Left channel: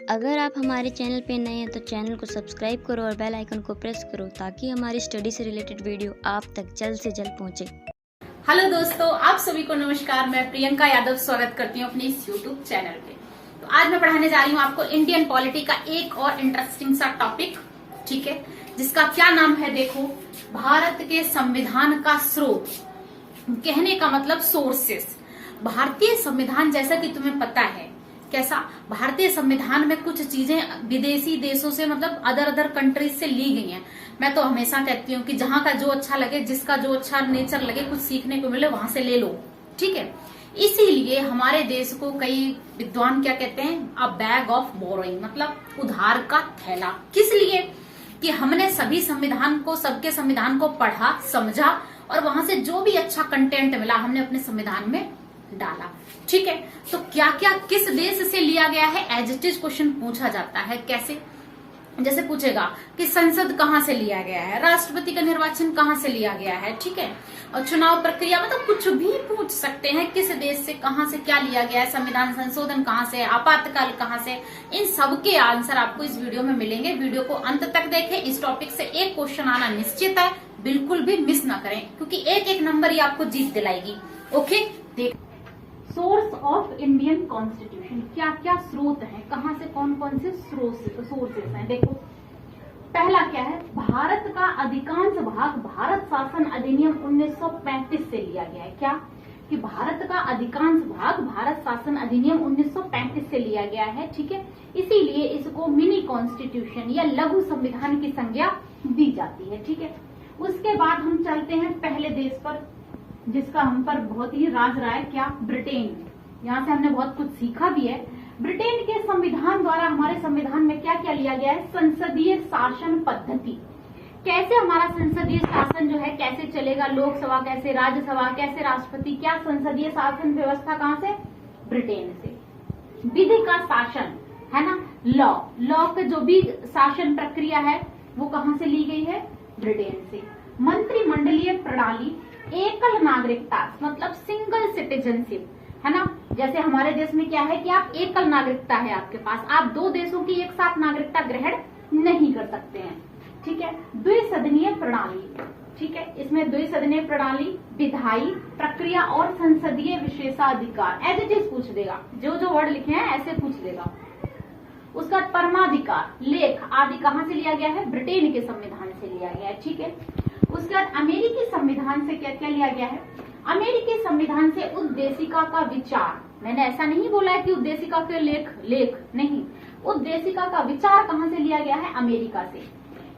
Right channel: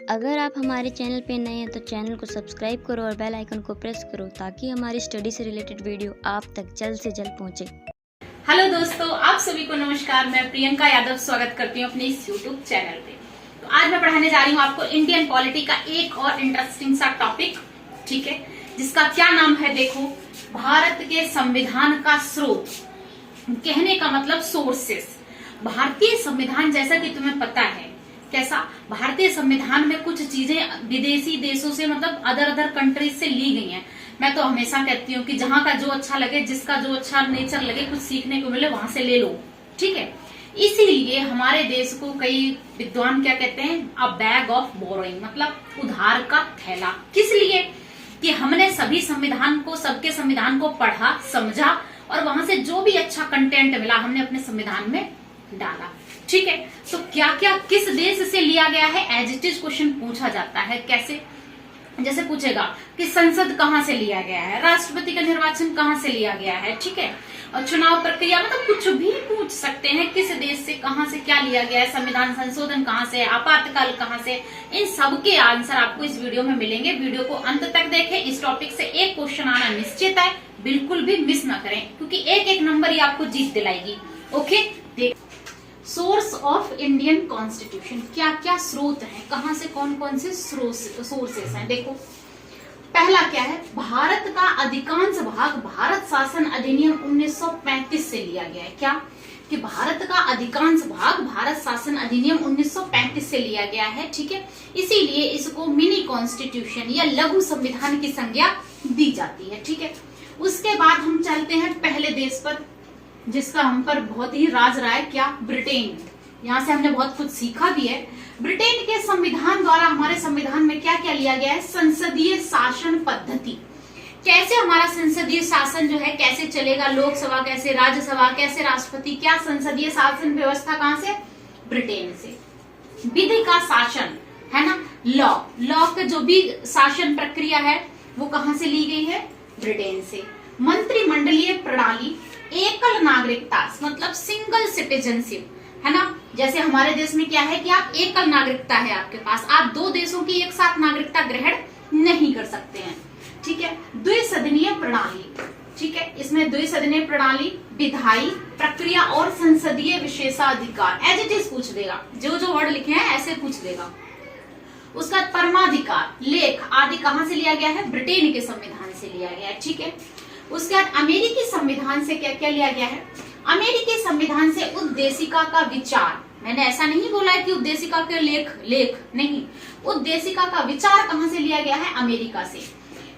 अगर आप हमारे चैनल पे नए हैं तो चैनल को सब्सक्राइब करो और बेल आइकन को प्रेस करो ताकि हमारी स्टडी से रिलेटेड वीडियो आप तक जल्द से जल्द पहुंचे। हेलो दोस्तों, आप सभी को नमस्कार। मैं प्रियंका यादव स्वागत करती हूँ अपने इस यूट्यूब चैनल पे। तो आज मैं पढ़ाने जा रही हूँ आपको इंडियन पॉलिटी का एक और इंटरेस्टिंग सा टॉपिक, ठीक है, जिसका क्या नाम है, देखो, भारत के संविधान का स्रोत। कहने का मतलब सोर्सेस। भारतीय संविधान, जैसा कि तुम्हें पता है कैसा, भारतीय संविधान में कुछ चीजें विदेशी देशों से, मतलब अदर कंट्रीज से ली गई हैं। मैं तो हमेशा कहती हूँ कि जहां का जो अच्छा लगे, जिसका जो अच्छा नेचर लगे, कुछ सीखने को मिले, वहां से ले लो, ठीक है। इसीलिए हमारे देश को कई विद्वान क्या कहते हैं, अ बैग ऑफ बोरोइंग, मतलब उधार का थैला। किस लिए? कि हमने सभी संविधान को, सबके संविधान को पढ़ा, समझा और वहां से जो भी अच्छा कंटेंट मिला हमने अपने संविधान में डाला, ठीक है। तो क्या क्या किस देश से लिया गया है, एज इट इज क्वेश्चन पूछा जाता है। कैसे? जैसे पूछेगा कि संसद कहाँ से लिया गया है, राष्ट्रपति का निर्वाचन कहाँ से लिया गया है, ठीक है, और चुनाव प्रक्रिया, मतलब कुछ भी पूछ सकते हैं, किस देश से कहाँ से क्या लिया गया है, संविधान संशोधन कहाँ से, आपातकाल कहाँ से। इन सब के आंसर आपको इस वीडियो में मिलेंगे। वीडियो को अंत तक देखें। इस टॉपिक से एक क्वेश्चन आना निश्चित है, बिल्कुल भी मिस ना करें, क्योंकि एक एक नंबर ही आपको जीत दिलाएगी। ओके, देख, सोर्स ऑफ इंडियन कॉन्स्टिट्यूशन, क्या क्या स्रोत हैं, कहां से कौन कौन से सोर्सेस हैं। देखो, पहला क्या है, भारत का अधिकांश भाग भारत शासन अधिनियम 1935 से लिया गया है। क्या? कि भारत का अधिकांश भाग भारत शासन अधिनियम 1935 से लिया गया है, ठीक है। इसीलिए इसको मिनी कॉन्स्टिट्यूशन या लघु संविधान की संज्ञा दी जाती है, ठीक है। उसके बाद हम चलते हैं पहले देश पर, जिसका हम पर बहुत ही राज रहा है, क्या? ब्रिटेन। यहाँ से हमने बहुत कुछ सीखा भी है। ब्रिटेन के संविधान द्वारा हमारे संविधान में क्या क्या लिया गया है, संसदीय शासन पद्धति। कैसे हमारा संसदीय शासन जो है कैसे चलेगा, लोकसभा कैसे, राज्यसभा कैसे, राष्ट्रपति, क्या संसदीय शासन व्यवस्था कहाँ से? ब्रिटेन से। विधि का शासन है ना, लॉ का जो भी शासन प्रक्रिया है वो कहाँ से ली गई है? ब्रिटेन से। मंत्रिमंडलीय प्रणाली, एकल नागरिकता, मतलब सिंगल सिटीजनशिप, है ना। जैसे हमारे देश में क्या है कि आप एकल नागरिकता है आपके पास, आप दो देशों की एक साथ नागरिकता ग्रहण नहीं कर सकते हैं, ठीक है। द्विसदनीय प्रणाली, ठीक है, इसमें द्विसदनीय प्रणाली, विधायी प्रक्रिया और संसदीय विशेषाधिकार, एज इट इज पूछ देगा, जो जो वर्ड लिखे हैं ऐसे पूछ देगा। उसका परमाधिकार, लेख आदि कहां से लिया गया है? ब्रिटेन के संविधान से लिया गया है, ठीक है। उसके बाद अमेरिकी संविधान से क्या क्या लिया गया है? अमेरिकी संविधान से उद्देशिका का विचार, मैंने ऐसा नहीं बोला है कि उद्देशिका के लेख नहीं, उद्देशिका का विचार कहां से लिया गया है? अमेरिका से।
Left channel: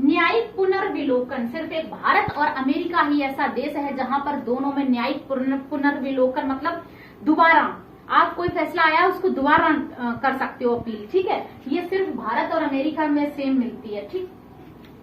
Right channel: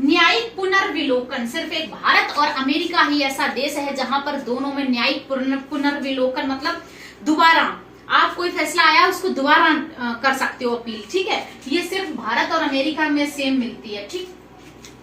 न्यायिक पुनर्विलोकन, सिर्फ एक भारत और अमेरिका ही ऐसा देश है जहां पर दोनों में न्यायिक पुनर्विलोकन, मतलब दोबारा आप कोई फैसला आया उसको दोबारा कर सकते हो अपील, ठीक है। ये सिर्फ भारत और अमेरिका में सेम मिलती है, ठीक।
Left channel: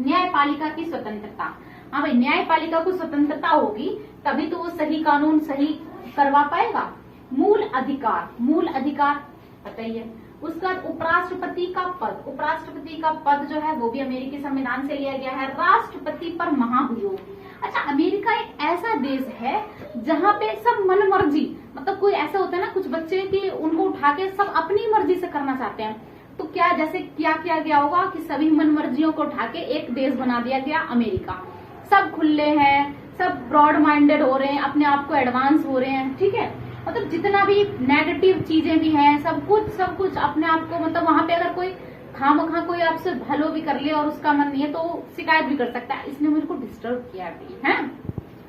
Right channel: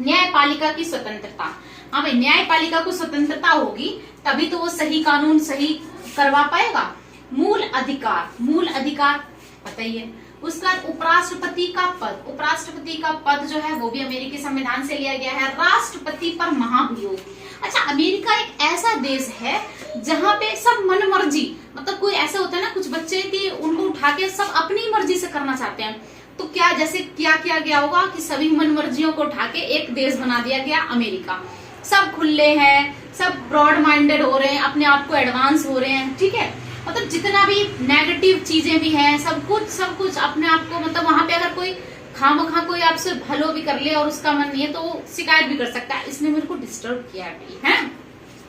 न्यायपालिका की स्वतंत्रता, हाँ भाई, न्यायपालिका को स्वतंत्रता होगी तभी तो वो सही कानून सही करवा पाएगा। मूल अधिकार पता ही है। उसके बाद उपराष्ट्रपति का पद, उपराष्ट्रपति का पद जो है वो भी अमेरिकी संविधान से लिया गया है। राष्ट्रपति पर महाभियोग, अच्छा, अमेरिका एक ऐसा देश है जहां पे सब मनमर्जी, मतलब कोई ऐसा होता है ना, कुछ बच्चे कि उनको उठा के सब अपनी मर्जी से करना चाहते हैं, तो क्या जैसे क्या किया गया होगा कि सभी मनमर्जियों को उठा के एक देश बना दिया गया अमेरिका। सब खुले हैं, सब ब्रॉड माइंडेड हो रहे हैं, अपने आप को एडवांस हो रहे हैं, ठीक है। मतलब जितना भी नेगेटिव चीजें भी हैं, सब कुछ अपने आप को, मतलब वहां पे अगर कोई खामखा कोई आपसे भलो भी कर ले और उसका मन नहीं है तो वो शिकायत भी कर सकता है, इसने मेरे को डिस्टर्ब किया है।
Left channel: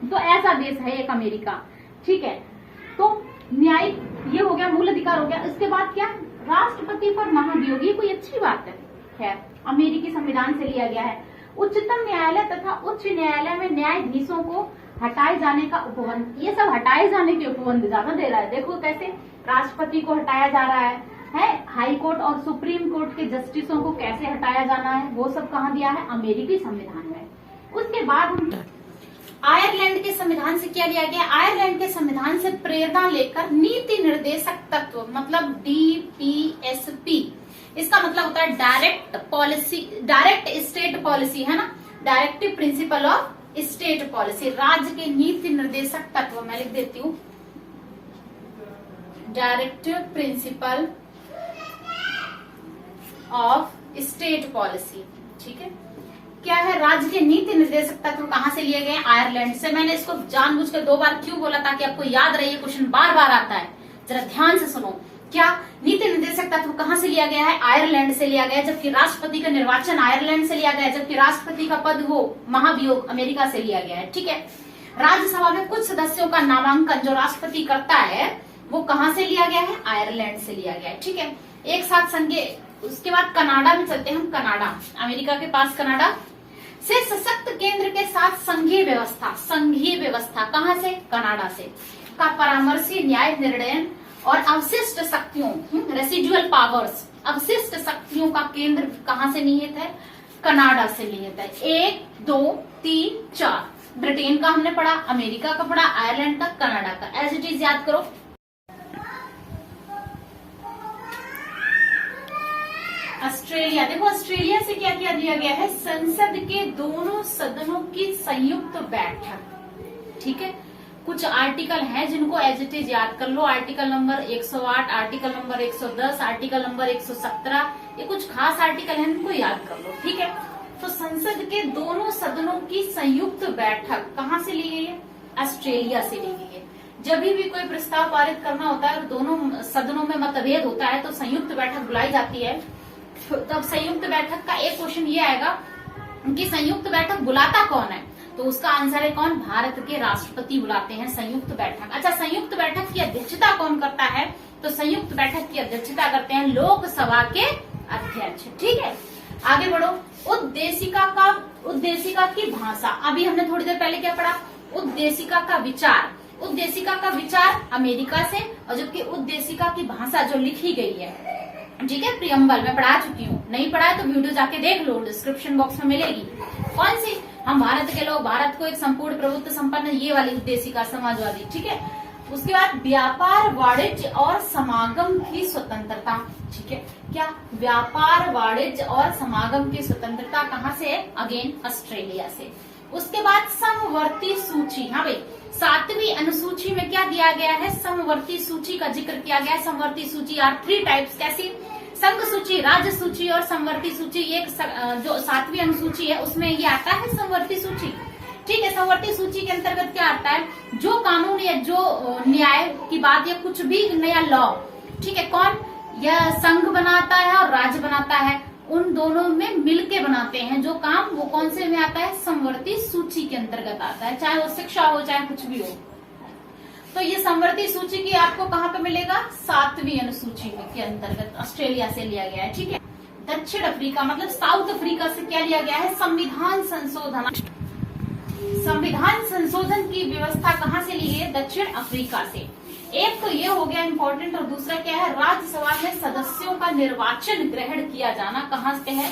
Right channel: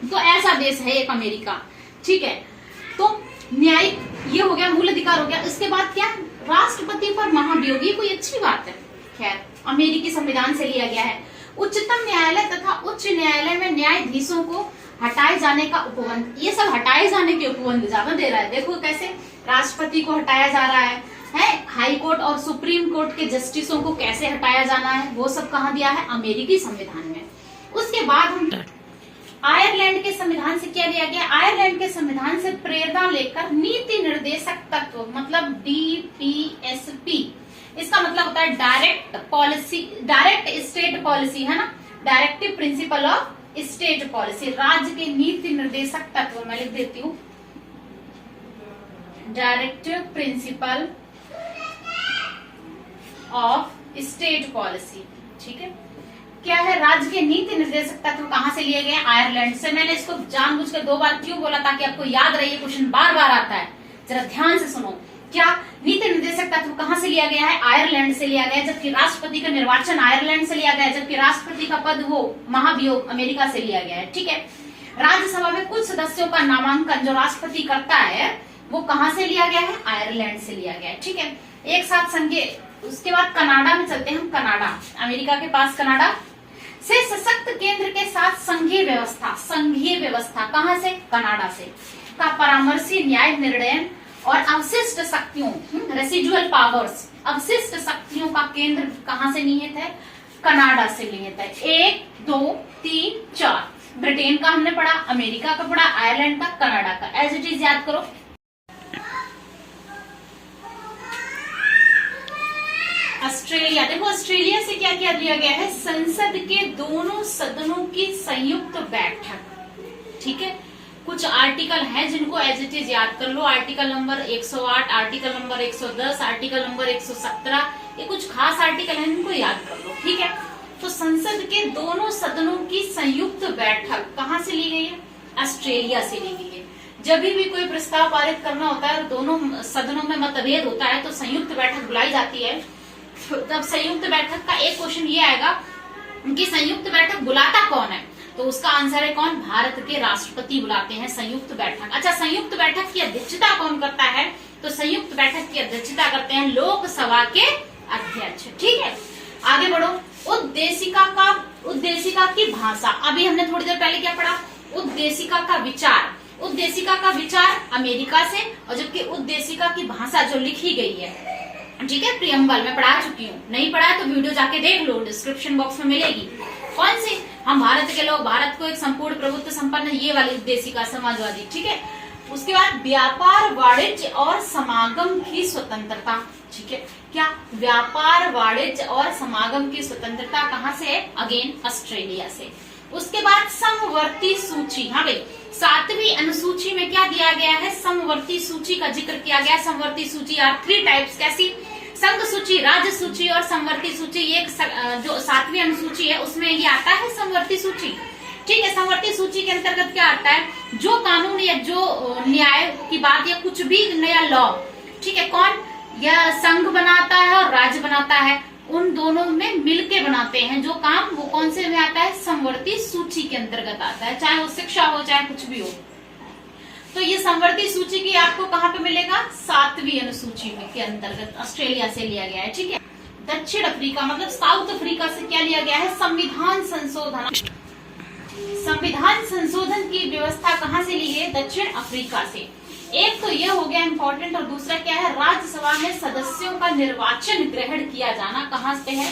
तो ऐसा देश है एक अमेरिका, ठीक है। तो न्यायिक ये हो गया, मूल अधिकार हो गया। इसके बाद क्या? राष्ट्रपति पर महाभियोग, ये कोई अच्छी बात है, खैर अमेरिकी संविधान से लिया गया है। उच्चतम न्यायालय तथा उच्च न्यायालय में न्यायाधीशों को हटाए जाने का उपबंध, ये सब हटाए जाने के उपबंध ज्यादा दे रहा है। देखो कैसे राष्ट्रपति को हटाया जा रहा है, हाई कोर्ट और सुप्रीम कोर्ट के जस्टिसों को कैसे हटाया जाना है, वो सब कहाँ दिया है? अमेरिकी संविधान में। उसके बाद हम आयरलैंड के संविधान से क्या लिया गया? आयरलैंड के संविधान से प्रेरणा लेकर नीति निर्देशक तत्व, मतलब DPSP, इसका मतलब होता है direct policy, direct state policy, है ना, directive principle of state policy, राज्य के नीति निर्देशक तत्व, मैं लिख देती हूँ, directive principle of state policy. ठीक है, क्या है, राज्य के नीति निर्देशक तत्व कहां से लिए गए? आयरलैंड से। मैंने इसको जानबूझकर 2 बार क्यों बोला, ताकि आपको याद रहे, क्वेश्चन बार बार आता है, जरा ध्यान से सुनो। क्या नीति निर्देशक तत्व कहां से लिया गया है? आयरलैंड से लिया गया है। जबकि राष्ट्रपति का निर्वाचन आयरलैंड से लिया गया है, जबकि राष्ट्रपति का पद वो महाभियोग अमेरिका से लिया गया है। ठीक है, राज्यसभा में कुछ सदस्यों का नामांकन जो राष्ट्रपति करता है वो कहां से लिया गया है? आयरलैंड से लिया गया है। ठीक है, एक साथ संघीय, उसके बाद कनाडा में चलते हैं हम। कनाडा, अमेरिका के पास कनाडा से सशक्त केंद्र के साथ संघीय व्यवस्था, संघीय व्यवस्था कहां से? कनाडा से, का परामर्शी न्याय निर्णय और अवशिष्ट शक्तियों, रेसिडुअल पावर्स, अवशिष्ट शक्तियों का केंद्र कहां से निहित है? कनाडा से निहित है। 1 2 3 4, ब्रिटेन का हमने पढ़ा, अमेरिका का पढ़ा, आयरलैंड का, कनाडा का, एज इट इज याद करो। ऑस्ट्रेलिया, देखो ऑस्ट्रेलिया से क्या क्या दिया गया है? संसद के दोनों सदनों की संयुक्त बैठक। ठीक है, कुछ आर्टिकल हैं जिनको एज इट इज याद कर लो। Article number 108, article number 110, article number 117, ये कुछ खास आर्टिकल हैं जिनको याद कर लो। ठीक है, तो संसद के दोनों सदनों की संयुक्त बैठक कहां से ली गई है? ऑस्ट्रेलिया से ली गई है। जब भी कोई प्रस्ताव पारित करना होता है, दोनों सदनों में मतभेद होता है, तो संयुक्त बैठक बुलाई जाती है। तब संयुक्त बैठक का एक क्वेश्चन ये आएगा कि संयुक्त बैठक बुलाता कौन है? तो उसका आंसर है कौन? भारत के राष्ट्रपति बुलाते हैं संयुक्त बैठक। अच्छा, संयुक्त बैठक की अध्यक्षता कौन करता है? तो संयुक्त बैठक की अध्यक्षता करते हैं लोकसभा के अध्यक्ष। ठीक है, आगे बढ़ो। उद्देशिका की भाषा, अभी हमने थोड़ी देर पहले क्या पढ़ा? उद्देशिका का विचार, उद्देशिका का विचार अमेरिका से, और जबकि उद्देशिका की भाषा जो लिखी गई है, ठीक है, प्रियम्बल में पढ़ा चुकी हूँ। नहीं पढ़ा है तो वीडियो जाके देख लो, डिस्क्रिप्शन बॉक्स में मिलेगी। कौन सी? हम भारत के लोग, भारत को एक संपूर्ण प्रभुत्व संपन्न, ये वाली उद्देशिका, समाजवादी। ठीक है, उसके बाद व्यापार, वाणिज्य और समागम की स्वतंत्रता। ठीक है, क्या? व्यापार, वाणिज्य और समागम की स्वतंत्रता कहाँ से है? अगेन ऑस्ट्रेलिया से। उसके बाद समवर्ती सूची, हाँ भाई, 7वीं अनुसूची में क्या दिया गया है? समवर्ती सूची का जिक्र किया गया। समवर्ती सूची आर 3 टाइप्स, कैसी? संघ सूची, राज्य सूची और समवर्ती सूची। एक जो 7वीं अनुसूची है उसमें ये आता है समवर्ती सूची। ठीक है, समवर्ती सूची के अंतर्गत क्या आता है? जो कानून या जो न्याय की बात या कुछ भी नया लॉ, ठीक है, कौन? यह संघ बनाता है और राज्य बनाता है, उन दोनों में मिलके बनाते हैं जो काम, वो कौन से में आता है? समवर्ती सूची के अंतर्गत आता है, चाहे वो शिक्षा हो चाहे कुछ भी हो। तो ये समवर्ती सूची की आपको कहाँ पे मिलेगा? 7वीं अनुसूची में के अंतर्गत ऑस्ट्रेलिया से लिया गया है। ठीक है, दक्षिण अफ्रीका मतलब साउथ अफ्रीका से क्या लिया गया है? संविधान संशोधन। संविधान संशोधन की व्यवस्था कहाँ से ली है? दक्षिण अफ्रीका से। एक तो ये हो गया इम्पोर्टेंट, और दूसरा क्या है? राज्यसभा में सदस्यों का निर्वाचन ग्रहण किया जाना कहाँ से है?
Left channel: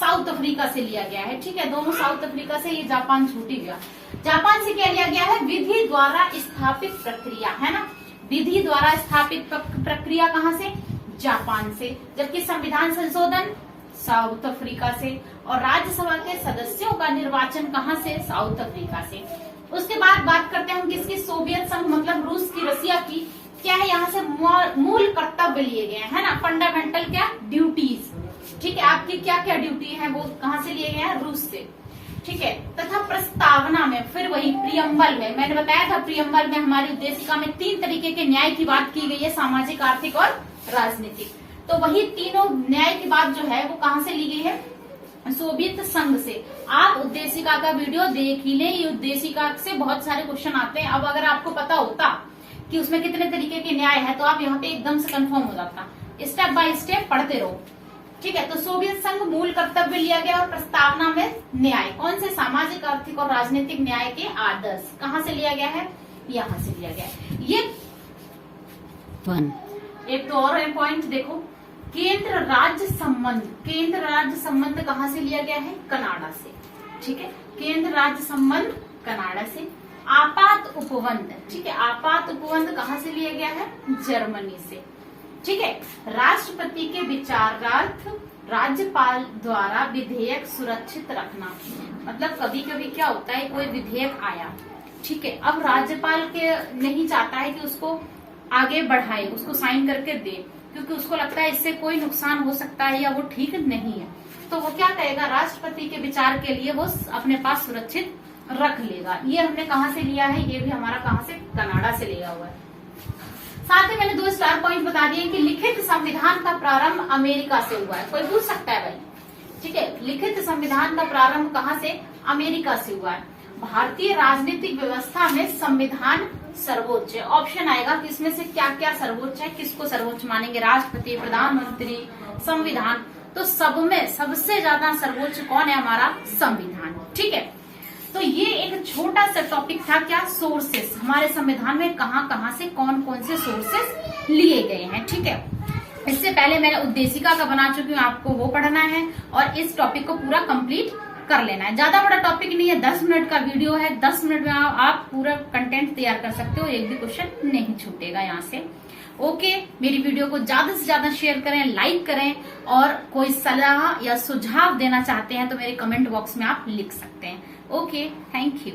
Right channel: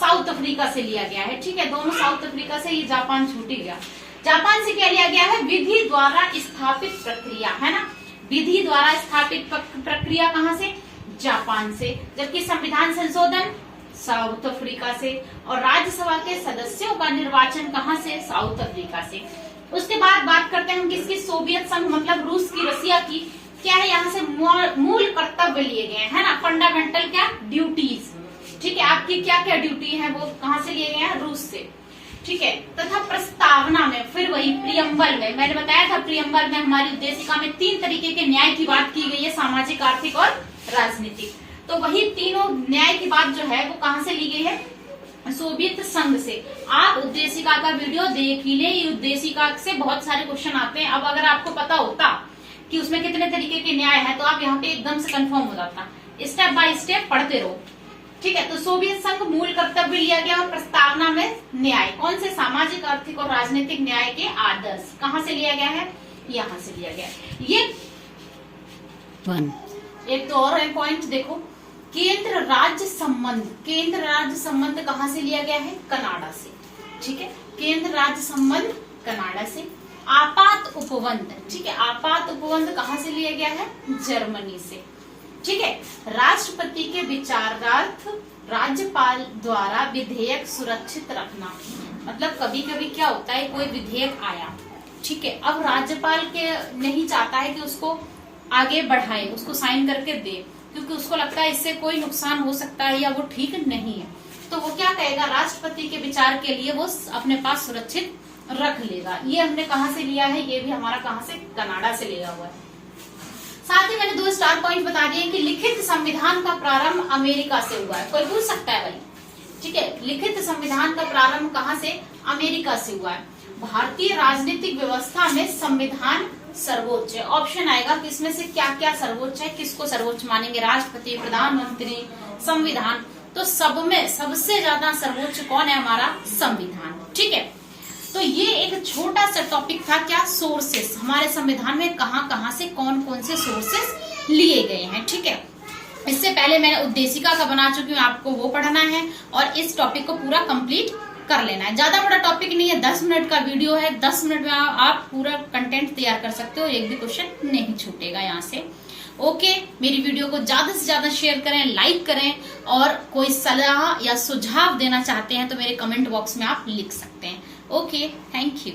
साउथ अफ्रीका से लिया गया है। ठीक है, दोनों साउथ अफ्रीका से। ये जापान छूट ही गया। जापान से क्या लिया गया है? विधि द्वारा स्थापित प्रक्रिया, है ना? विधि द्वारा स्थापित प्रक्रिया कहाँ से? जापान से। जबकि संविधान संशोधन साउथ अफ्रीका से, और राज्यसभा के सदस्यों का निर्वाचन कहाँ से? साउथ अफ्रीका से। उसके बाद बात करते हैं हम किसकी? सोवियत संघ मतलब रूस की, रसिया की। क्या है? यहाँ से मूल कर्तव्य लिए गए हैं, है ना? फंडामेंटल क्या? ड्यूटीज। ठीक है, आपकी क्या क्या ड्यूटी है वो कहाँ से लिए गए हैं? रूस से। ठीक है, तथा प्रस्तावना में फिर वही प्रियम्बल में मैंने बताया था, प्रियम्बल में हमारी उद्देशिका में 3 तरीके के न्याय की बात की गई है, सामाजिक, आर्थिक और राजनीतिक। तो वही तीनों न्याय की बात जो है वो कहाँ से ली गई है? सोवियत संघ से। आप उद्देशिका का वीडियो देख ही ले, ये उद्देशिका से बहुत सारे क्वेश्चन आते हैं। अब अगर आपको पता होता कि उसमें कितने तरीके के न्याय है तो आप यहाँ पे एकदम से कंफर्म हो जाता। स्टेप बाय स्टेप पढ़ते रहो। ठीक है, तो सोवियत संघ मूल कर्तव्य लिया गया, और प्रस्तावना में न्याय कौन से? सामाजिक, आर्थिक और राजनीतिक न्याय के आदर्श कहाँ से लिया गया है? यहाँ से लिया गया है। ये एक तो और पॉइंट देखो, केंद्र राज्य संबंध। केंद्र राज्य संबंध कहाँ से लिया गया है? कनाडा से। ठीक है, केंद्र राज्य संबंध कनाडा से। आपात उपबंध, ठीक है, आपात उपबंध कहाँ से लिया गया है? जर्मनी से। ठीक है, राष्ट्रपति के विचारार्थ राज्यपाल द्वारा विधेयक सुरक्षित रखना। मतलब कभी कभी क्या होता है, कोई विधेयक आया, ठीक है, अब राज्यपाल के नहीं चाहता है कि उसको आगे बढ़ाए, उसको साइन करके दे, क्योंकि उसको लगता है इससे कोई नुकसान हो सकता है या वो ठीक नहीं है, तो वो क्या कहेगा, राष्ट्रपति के विचार के लिए वो अपने पास सुरक्षित रख लेगा। ये हमने कहाँ से लिया है, ये भी हमारा कहाँ से, कनाडा से लिया हुआ है। साथ ही मैंने 2 स्टार पॉइंट बता दिए कि लिखित संविधान का प्रारंभ अमेरिका से हुआ है। कोई पूछ सकता है भाई, ठीक है, लिखित संविधान का प्रारंभ कहाँ से, अमेरिका से हुआ है। भारतीय राजनीतिक व्यवस्था में संविधान सर्वोच्च है। ऑप्शन आएगा कि इसमें से क्या क्या सर्वोच्च है, किसको सर्वोच्च मानेंगे, राष्ट्रपति, प्रधानमंत्री, संविधान। तो सब में सबसे ज्यादा सर्वोच्च कौन है, हमारा संविधान। ठीक है, तो ये एक छोटा सा टॉपिक था, क्या, सोर्सेस, हमारे संविधान में कहाँ कहाँ से कौन कौन से सोर्सेस लिए गए हैं। ठीक है, इससे पहले मैंने उद्देशिका का बना चुकी हूँ, आपको वो पढ़ना है और इस टॉपिक को पूरा कंप्लीट कर लेना है। ज्यादा बड़ा टॉपिक नहीं है, 10 मिनट का वीडियो है, 10 मिनट में आप पूरा कंटेंट तैयार कर सकते हो, एक भी क्वेश्चन नहीं छूटेगा यहाँ से। ओके, मेरी वीडियो को ज्यादा से ज्यादा शेयर करें, लाइक करें, और कोई सलाह या सुझाव देना चाहते हैं तो मेरे कमेंट बॉक्स में आप लिख सकते हैं। Okay, thank you.